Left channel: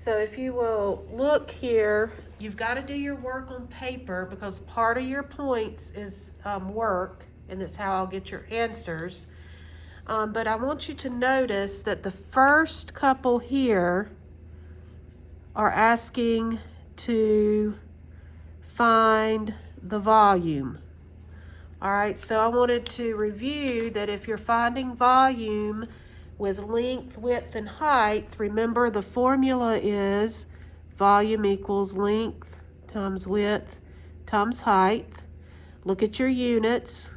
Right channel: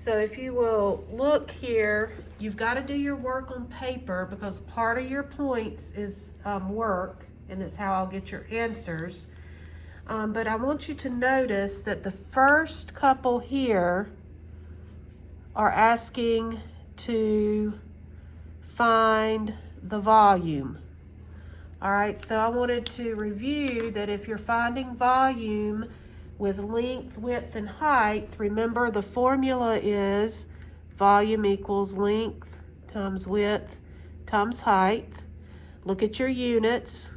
So if you will look here, you've got to do your work on paper because part of your points is work, and that's how I'll get your answers. But I want you to notice that the first couple here are asking to find the volume. All right, so I wanted to review that if you're finding volume with length, width, and height, remember the formula is volume equals length times width times height. Look at your units.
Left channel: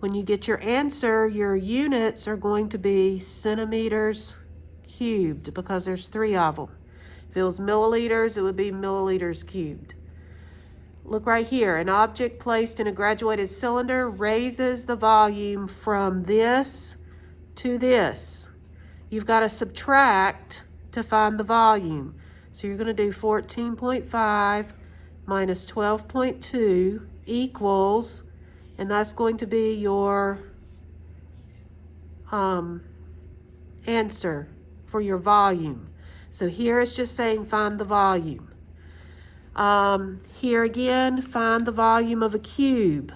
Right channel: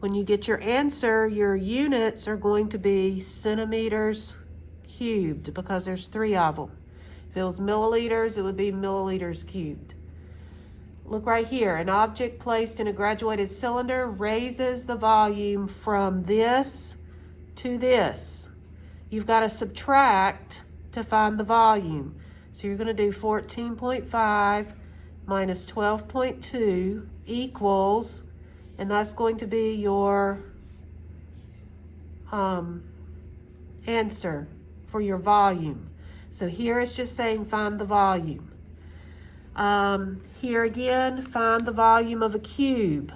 When you get your answer, your units are going to be centimeters cubed because there's 3 of them. If it was milliliters, it would be milliliters cubed. Look right here, an object placed in a graduated cylinder raises the volume from this to this. You've got to subtract to find the volume. So you're going to do 14.5 minus 12.2 equals, and that's going to be your answer for your volume. So here it's just saying find the volume. Here again, find the volume of a cube.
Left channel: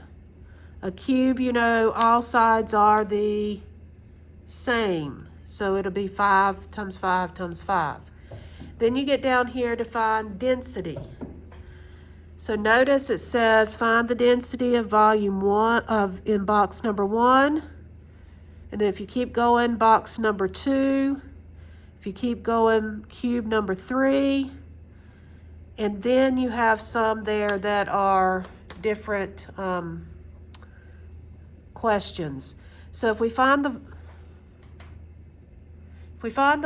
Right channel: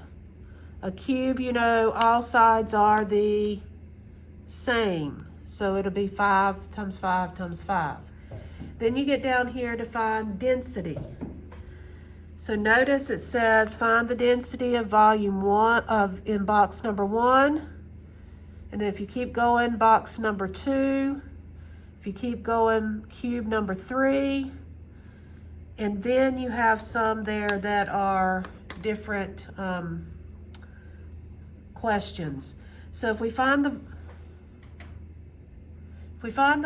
A cube, you know, all sides are the same. So it'll be 5 times 5 times 5. Then you get down here to find density. So notice it says find the density of volume 1 in box number 1. And then if you keep going, box number 2. If you keep going, cube number 3. And then you have some there that are different questions. So if we find the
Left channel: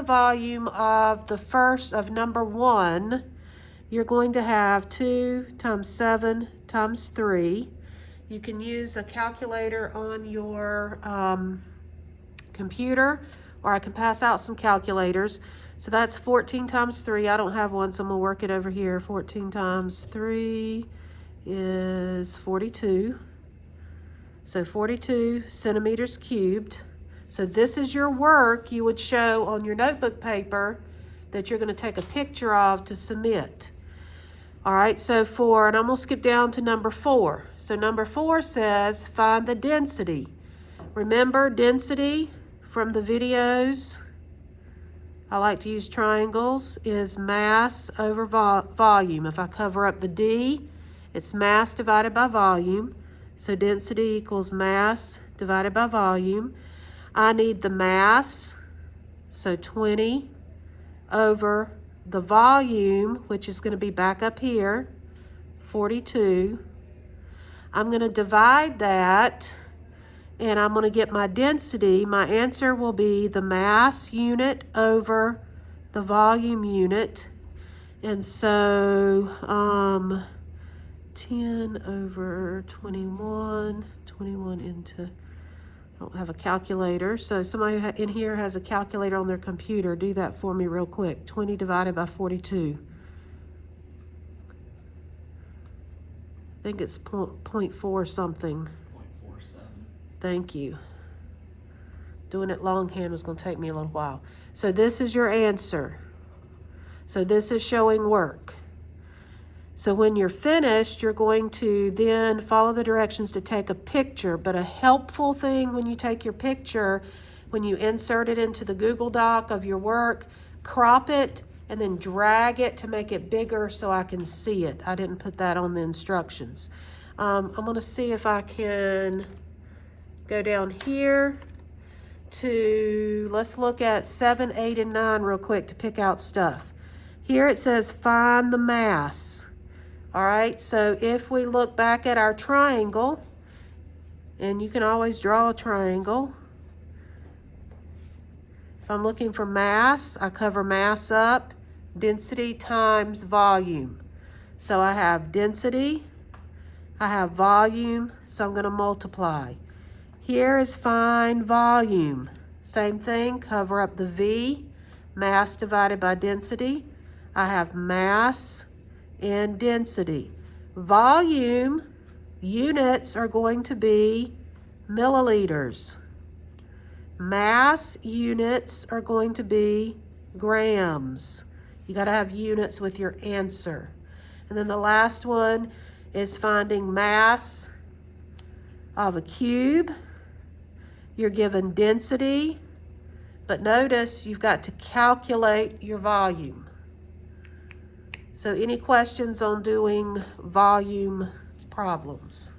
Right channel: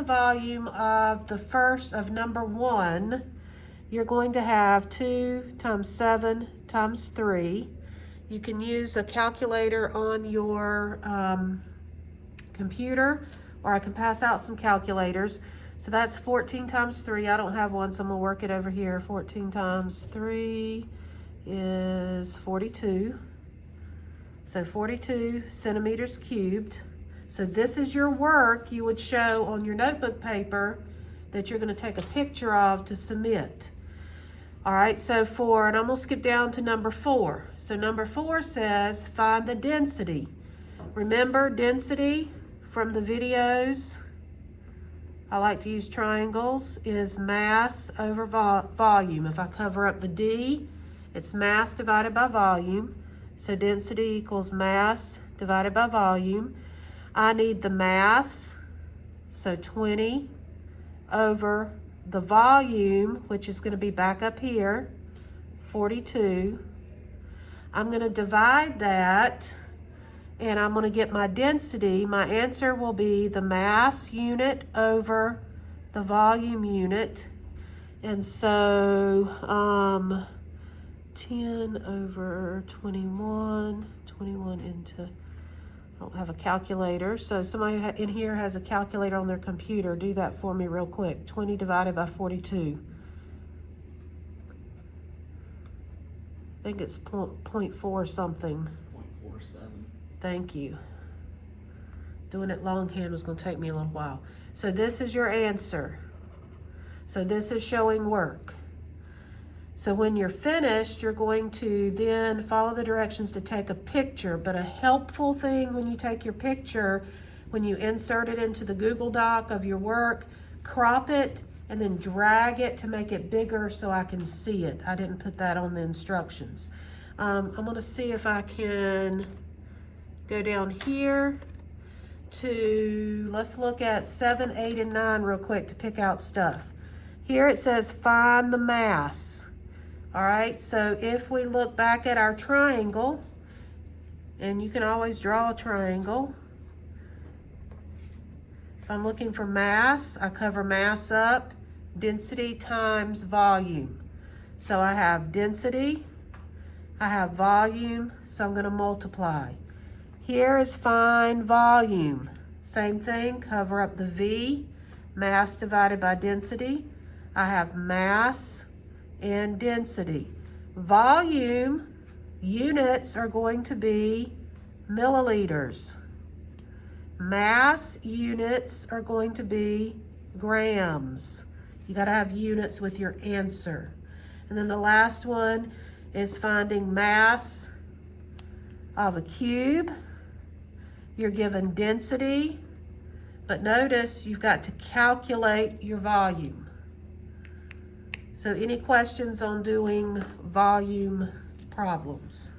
volume of the first of number 1, you're going to have 2 times 7 times 3. You can use a calculator on your computer, or I can pass out some calculators. So that's 14 times 3. I don't have one, so I'm going to work it over here. 14 times 3 is 42. So 42 centimeters cubed. So this is your work you would show on your notebook paper that you're going to take a picture of to submit. All right, so and I'm going to skip down to number 4. So number 4 says find the density. Remember density from the videos? I like to use triangles, is mass over volume. If I cover up the D, it's mass divided by volume. So density equals mass divided by volume. I need the mass, so 20 over the volume, which is going to be back up here, 42. I'm going to divide that, and I'm going to get my density. My answer will be the mass unit over the volume unit. And so 10 over 21 into, I don't have a calculator. So somebody in here has a calculator on their computer. Do that for me real quick. 20 divided by 42. I think it's 0.4 something. 0.47. Thank you. Doing it longhand was going to take me a little while. So this is your answer. So this is showing work. So when you're finished, you're going to then follow the directions to take a picture. But a helpful thing when you take your picture, when you insert it into the Google Doc of your work, crop it and then drag it to make it bigger so I can see it. I didn't put that on the instructions. I'm going to see if I can go down here to, let's look at 7, 8, and 9 real quick to pick out stuff. Here it says find the mass. All right, so if we look back at our triangle, and you can always draw a triangle. If I'm looking for mass, I cover mass up, density times volume. So I have density, I have volume, so I'm going to multiply. Here is find volume. Same thing, cover up the V, mass divided by density. I have mass and density. Volume units are going to be milliliters. Mass units are going to be grams. You got to have units with your answer. And then the last one is finding mass of a cube. You're given density, but notice you've got to calculate your volume. So any questions on doing volume problems?